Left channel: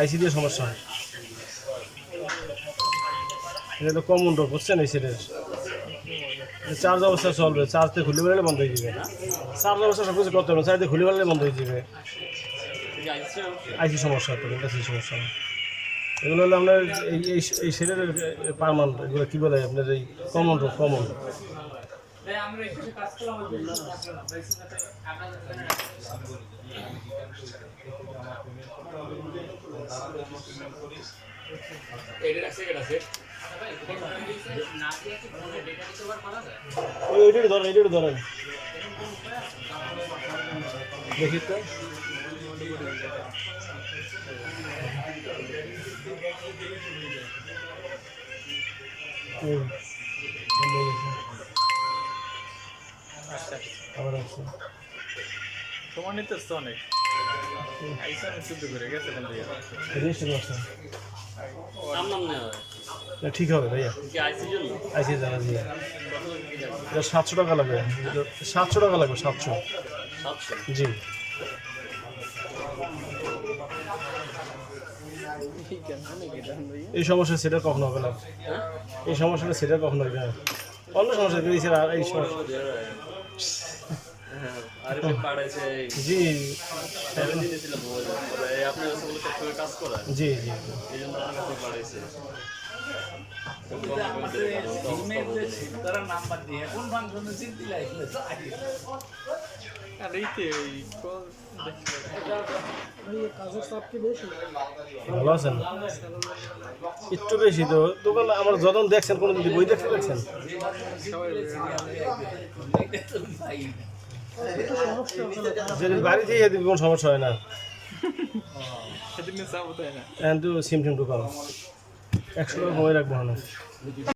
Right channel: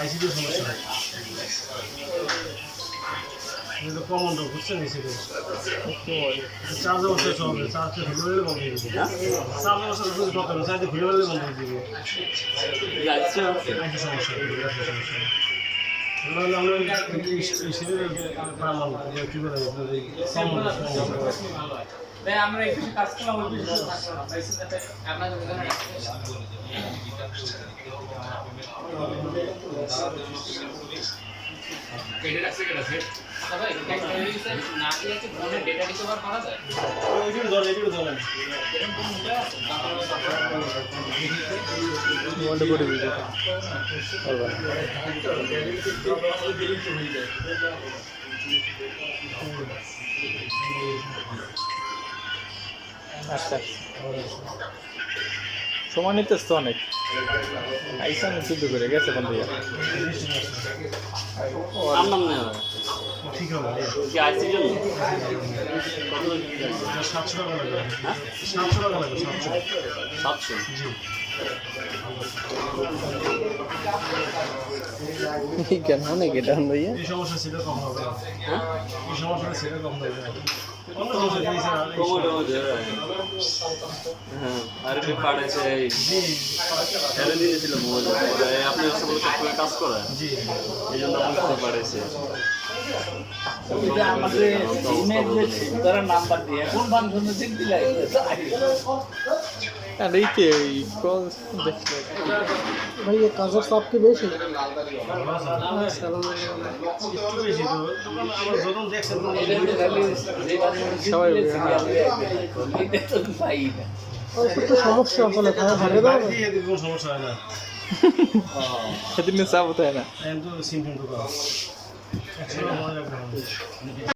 আইসিডির সমস্যা হয়, এটা তো কমন রোগ বুঝছেন। এই সেটের চার্জ অবস্থায় চলবে, চার্জতে খুলে বেরোলে বন্ধ হয়ে যাবে। চার্জ অবস্থা সব কিছু করতে হবে, চার্জে খুলে বেরোলে বন্ধ হয়ে যাবে। আইসি সমস্যা, গ্যাসের সমস্যা। এগুলো হলো আমরা এই সেটের পারমান কী বলে আপনার এই কমন রোগ, কমন রোগ। আমরা একটু কাজ করলাম ওই বিষয়ে আপনাদের এডিট আছে কেন আছে ভাই না দিয়ে ফোনে ডেটা রিকভার করা যায় এডিট ধরেন দেখি তো ওয়ান্ডে বডি ভিডিও আচ্ছা সময় নিতে তো অনেক আইসা যুদ্ধ করে গেছে বন্ধু নাম নেই ঠিক হবে ভাইয়া, কি আইসির জন্য আইসি যাবেন 700 টাকা লাগবে। 700 টাকা লাগবে, 700। জি কেন অনেক এটা ভাইয়া এই সমস্যা সেটা কখনো হবে না। এই সমস্যাটা সেটা কখনো হবে না। অন্য সমস্যা পেয়েছে আর এই আরেকটি পাঠাইছে জি হেরে দিয়েছিল মোবাইল আপনার কাছে বলে সবসময় কাজ করে জি এই জন্য আপনাকে পাঠাইছে নাম্বার দিয়ে কোন ফাংশনে চিনতে লাগবে আর এই কে কল দেখতে ভাইয়া কাজের চাপ কি বেশি? ভালো আছে একটু বেশি তো দোকান আবার যখন দেখছেন কোনো কিছু বইটা ফেলেছেন সবাই একটু সমস্যা হলে বাড়ি থেকে এদিকে কোনো সমস্যা হয় না, সেদিন চাপ তাই না এখন তো সিম টিম তো করা 100 টাকা হয়ে রাখবে।